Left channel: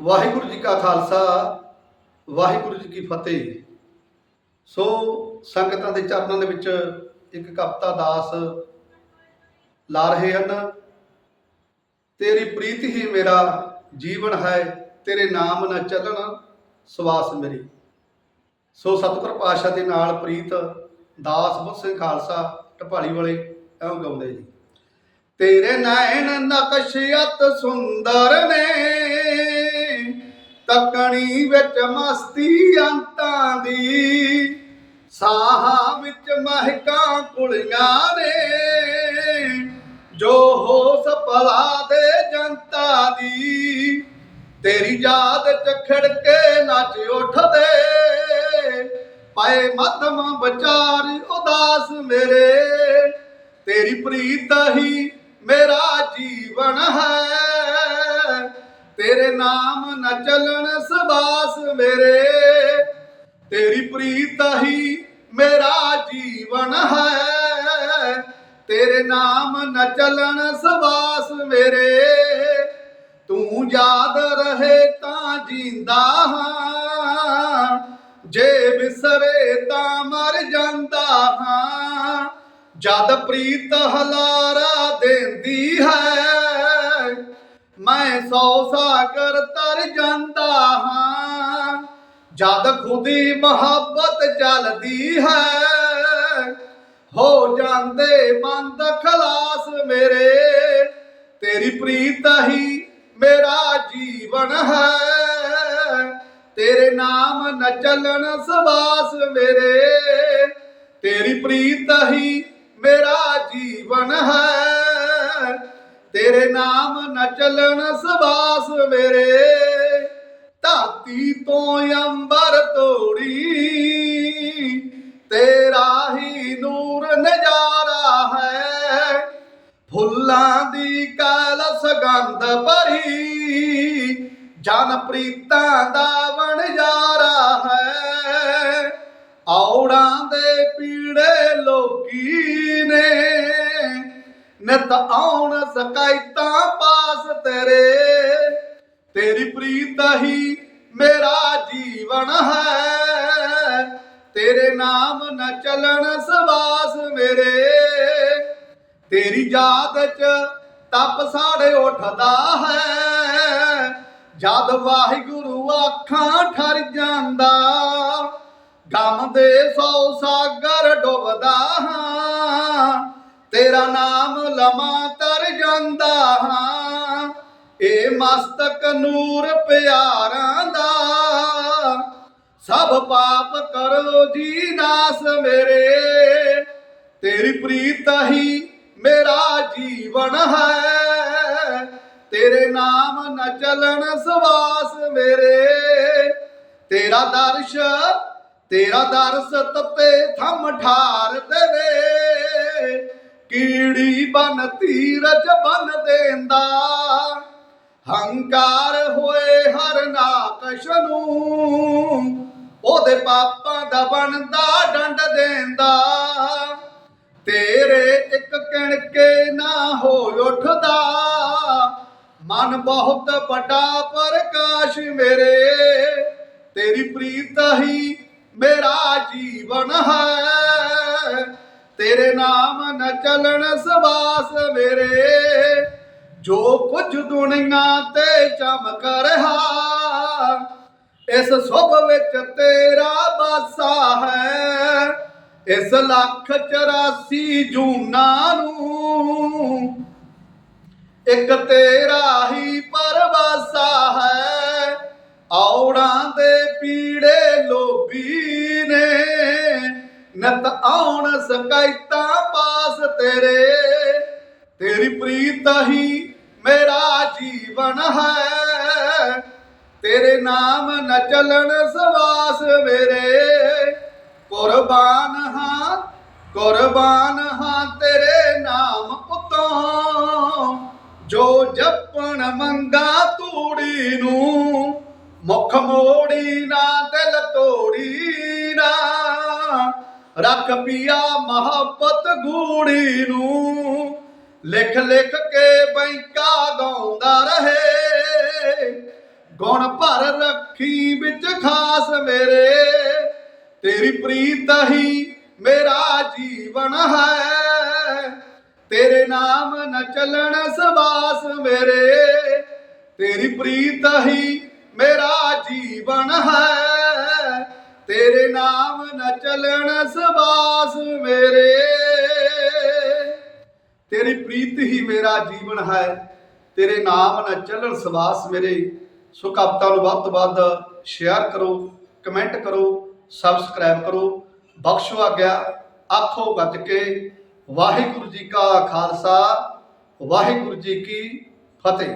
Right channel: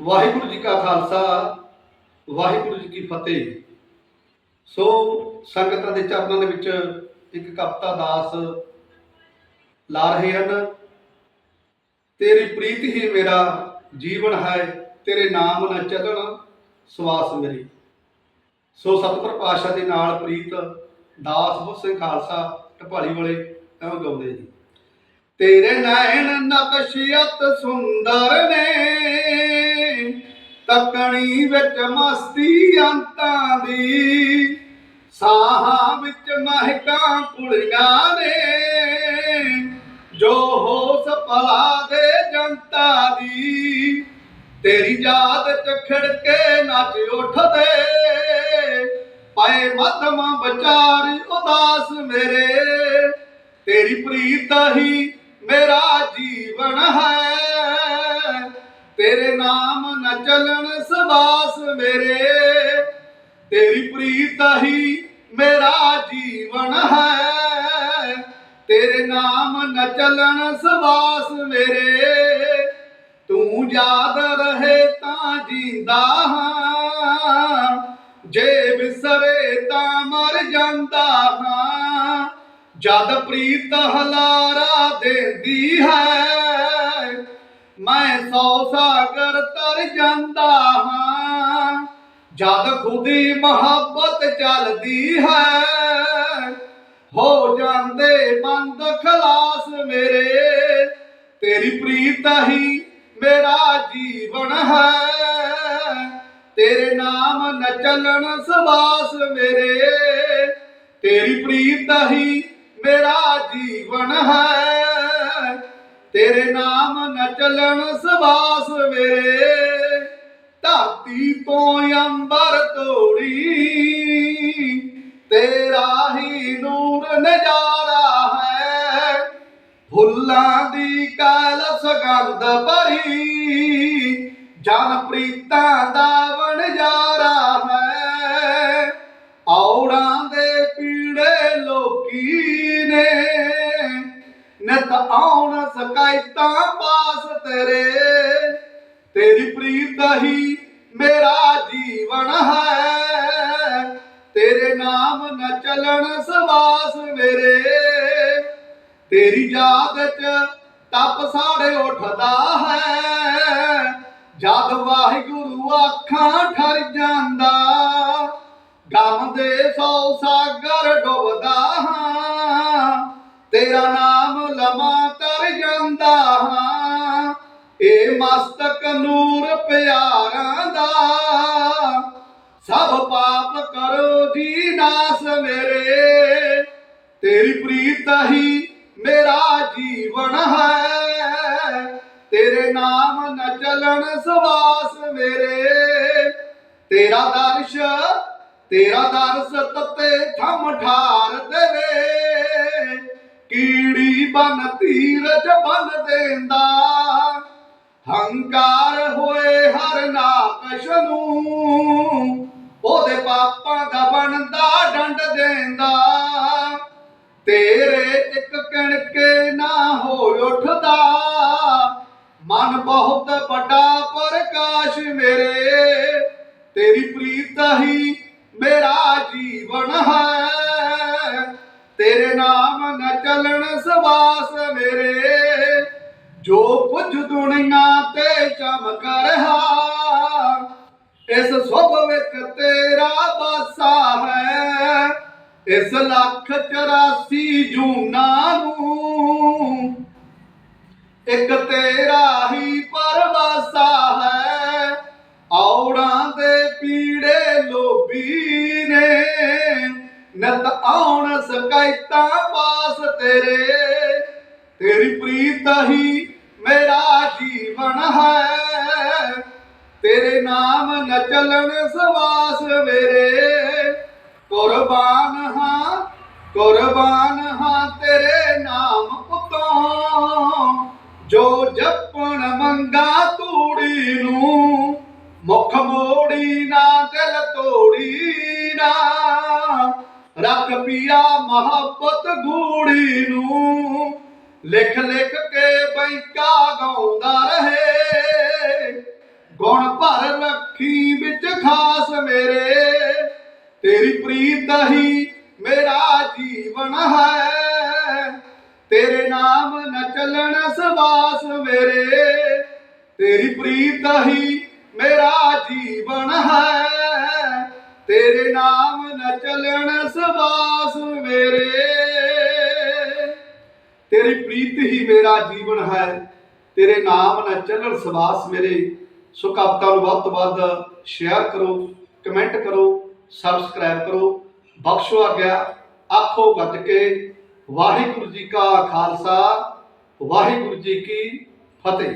ਵਾਹਿਗੁਰੂ ਜੀ ਕਾ ਖਾਲਸਾ, ਵਾਹਿਗੁਰੂ ਜੀ ਕੀ ਫਤਿਹ। ਸੋ ਸੰਗਤਾਂ ਦੇ ਚਰਨਾਂ ਦੇ ਵਿੱਚ ਇੱਕ ਕਪਤਾ ਦਾਸ ਲਾ ਰਹੇ ਹਨ, ਤੇਰੀ ਪ੍ਰੀਤ ਹੀ ਮੇਰਾ ਜੀਵਨ ਹੈ, ਤੇਰੇ ਨਾਮ ਨਾ ਚੱਲਣ, ਸਵਾਸ ਮੇਰੀ। ਸੋ ਸਤਿਗੁਰ ਪਾਤਸ਼ਾਹ ਦੇ ਨਾਲ ਪ੍ਰੀਤ ਦਾਸ ਬੁੱਧ ਸਿੰਘ ਖਾਲਸਾ ਢਪਾਲੀ ਵਾਲੇ ਐਵੇਂ ਗਾਉਂਦੇ ਜੀ ਤੇਰੇ ਨੈਣ ਨਕਸ਼ਿਅਤ ਸੁੰਦਰ ਨੇ ਤਕਣੀ ਵਿੱਚ ਮਸਤੀ ਅੰਤਾਂ ਦੀ। ਸਾਹਾਂ ਵਿੱਚ ਮਹਿਕਾਂ ਕੁਲੀਆਂ ਨੇ। ਜੋ ਹੋਸ ਭਲਾ ਦੇ ਜਨਤਾ ਦੀ। ਤੇਰੀ ਯਾਦ ਚ ਖਿੜਕੇ ਨੱਚ ਉੱਠਦੇ। ਪਏ ਮੱਧਮ ਵਿਚਾਰ ਉਦਾਸ ਮੇਰੇ। ਤੇਰੀ ਪ੍ਰੀਤ ਹੀ ਮੇਰਾ ਜੀਵਨ ਹੈ। ਤੇਰੇ ਨਾਮ ਨ ਚੱਲਣ ਸਵਾਸ ਮੇਰੇ। ਤੇਰੀ ਪ੍ਰੀਤ ਹੀ ਮੇਰਾ ਜੀਵਨ ਹੈ। ਤੇਰੇ ਨਾਮ ਨ ਚੱਲਣ ਸਵਾਸ ਮੇਰੇ। ਤੂੰ ਯਾਦ ਰਹੇ ਤਾਂ ਜਿੰਦਾ ਹਾਂ। ਜੇ ਵਿਸਰੇ ਤਾਂ ਮਰ ਜਾਂਦਾ ਹਾਂ। ਜਦ ਪ੍ਰੀਤ ਹਲਾਰਾ ਦਿੰਦੀ ਹੈ ਜਦ ਖੁਦੀ ਮੁਹੱਬਤ ਚੱਲਦੀ ਹੈ, ਹੋ ਜਾਂਦੇ ਬੰਦ ਖਲਾਸ ਮੇਰੇ। ਤੇਰੀ ਪ੍ਰੀਤ ਹੀ ਮੇਰਾ ਜੀਵਨ ਹੈ, ਤੇਰੇ ਨਾਮ ਨ ਚੱਲਣ ਸਵਾਸ ਮੇਰੇ। ਤੇਰੀ ਪ੍ਰੀਤ ਹੀ ਮੇਰਾ ਜੀਵਨ ਹੈ, ਤੇਰੇ ਨਾਮ ਨ ਚੱਲਣ ਸਵਾਸ ਮੇਰੇ। ਧਰਤੀ ਤੋਂ ਅੰਬਰ ਤੋੜੀ, ਤੇਰਾ ਹੀ ਨੂਰ ਨਜ਼ਾਰਾ ਹੈ। ਫੁੱਲਾਂ ਦੀ ਕਾਲ ਸੁਗੰਧ ਭਰੀ, ਜਨ ਪ੍ਰੀਤਾਂ ਦਾ ਵਣਜਾਰਾ ਹੈ। ਔੜਾਂ ਦੇ ਪੀੜੇ ਲੋਕੀ ਨੇ, ਨਿਤ ਆਉਣ ਸ਼ਿਕਾਇਤਾਂ ਪਾਸ ਤੇਰੇ। ਤੇਰੀ ਪ੍ਰੀਤ ਹੀ ਮੇਰਾ ਜੀਵਨ ਹੈ। ਤੇਰੇ ਨਾਮ ਨ ਚਲਣ ਸਵਾਸ ਮੇਰੇ। ਤੇਰੀ ਯਾਦ ਚ ਤਪ ਸਾੜੇ ਉੱਠਦਾ ਹੈ। ਜਦ ਵਾਹਿਗੁਰੂ ਅੱਖਾਂ ਠਰ ਜਾਂਦਾ ਗਮ ਦੇ ਸੌ ਸਾਗਰ ਡੁੱਬਦਾ ਹਾਂ। ਤੇਰਾ ਨਾਮ ਲਮਾ ਤਰ ਜਾਂਦਾ ਹਾਂ। ਮਸਤਕ ਨੂਰ ਪਿਆਰਾਂ ਦਾ। ਸਭ ਪਾਪ ਕਰੋ ਜੀ ਨਾਸ ਮੇਰੇ। ਤੇਰੀ ਪ੍ਰੀਤ ਹੀ ਮੇਰਾ ਜੀਵਨ ਹੈ। ਤੇਰੇ ਨਾਮ ਨ ਚਲਣ ਸਵਾਸ ਮੇਰੇ। ਤੇਰਾ ਦਰਸ਼, ਤੇਰਾ ਦਰਸ ਤਤੇ ਥਮ ਠਾਰ ਦੇਵੇ। ਕੀੜੀ ਬਨ ਤੀਰਜ ਬਨ ਦੇਂਦਾ। ਹੰਕਾਰ ਹੋਏ ਹਰ ਨਾਕਸ਼ ਨੂੰ ਉਹਦੇ ਪਾਪਾਂ ਦਾ ਬਣਦਾ ਡੰਡ ਦੇਂਦਾ। ਤੇਰੇ ਇੱਕ ਕਿਣਕੇ ਨਾ ਹੋ ਉੱਠਦਾ, ਮਨ ਬਹੁਤ ਵੱਡਾ ਪ੍ਰਕਾਸ਼ ਮੇਰੇ। ਤੇਰੀ ਪ੍ਰੀਤ ਹੀ ਮੇਰਾ ਜੀਵਨ ਹੈ, ਤੇਰੇ ਨਾਮ ਨ ਚਲਣ ਸਵਾਸ ਮੇਰੇ। ਜੋ ਦੁਨੀਆ ਤੇ ਚਮਕ ਰਿਹਾ। ਇਸ ਸੁਭ ਵਿੱਚ ਤੇਰਾ ਬਾਸਾ ਹੈ। ਇਸ ਲੱਖ 84 ਜੂਨਾ ਨੂੰ ਇੱਕ ਤੇਰਾ ਹੀ ਪਰਵਾਸਾ ਹੈ। ਔੜਾਂ ਦੇ ਪੀੜੇ ਲੋਭੀ ਨੇ। ਨਤ ਆਉਣ ਸ਼ਿਕਾਇਤਾਂ ਪਾਸ ਤੇਰੇ। ਤੇਰੀ ਪ੍ਰੀਤ ਹੀ ਮੇਰਾ ਜੀਵਨ ਹੈ। ਤੇਰੇ ਨਾਮ ਨ ਚੱਲਣ ਸਵਾਸ ਮੇਰੇ। ਕੁਰਬਾਨ ਹਾਂ ਕੁਰਬਾਨ ਹਾਂ ਤੇਰੇ ਨਾਮ ਉਤੋਂ। ਜੋ ਜਪਣ ਮੰਗਾ ਤੂੜੀ ਨੂੰ, ਮੁਖ ਮੋੜੀ ਨਾ, ਦਿਲ ਤੋੜੀ ਨਾ। ਰੱਖ ਪਿਆ ਮੁਹੱਬਤ ਗੂੜੀ ਨੂੰ। ਲਿਖ ਲਿਖ ਕੇ ਬੈਂਕਾ ਗਾਉਂਦਾ ਰਹੇ। ਗੁਣ ਭਰ ਰੱਖੀ ਵਿੱਚ ਖਾਸ ਮੇਰੇ। ਤੇਰੀ ਪ੍ਰੀਤ ਹੀ ਮੇਰਾ ਜੀਵਨ ਹੈ। ਤੇਰੇ ਨਾਮ ਨ ਚੱਲਣ ਸਵਾਸ ਮੇਰੇ। ਤੇਰੀ ਪ੍ਰੀਤ ਹੀ ਮੇਰਾ ਜੀਵਨ ਹੈ। ਤੇਰੇ ਨਾਮ ਨ ਚੱਲਣ ਸਵਾਸ ਮੇਰੇ। ਤੇਰੀ ਪ੍ਰੀਤ ਹੀ ਮੇਰਾ ਜੀਵਨ ਹੈ। ਤੇਰੇ ਨਾਮ ਨਾਲ ਚੱਲਣ ਸਵਾਸ ਮੇਰੇ। ਸੋ ਕਵਿਤਾ ਨੂੰ ਵੱਧ ਤੋਂ ਵੱਧ ਸ਼ੇਅਰ ਕਰੋ ਕਮੈਂਟ ਕਰੋ ਸਬਸਕ੍ਰਾਈਬ ਕਰੋ। ਬਖਸ਼ੋ ਆਗਿਆ, ਆਖੋ ਗੱਜ ਕੇ, ਵਾਹਿਗੁਰੂ ਜੀ ਕਾ ਖਾਲਸਾ, ਵਾਹਿਗੁਰੂ ਜੀ ਕੀ ਫਤਿਹ।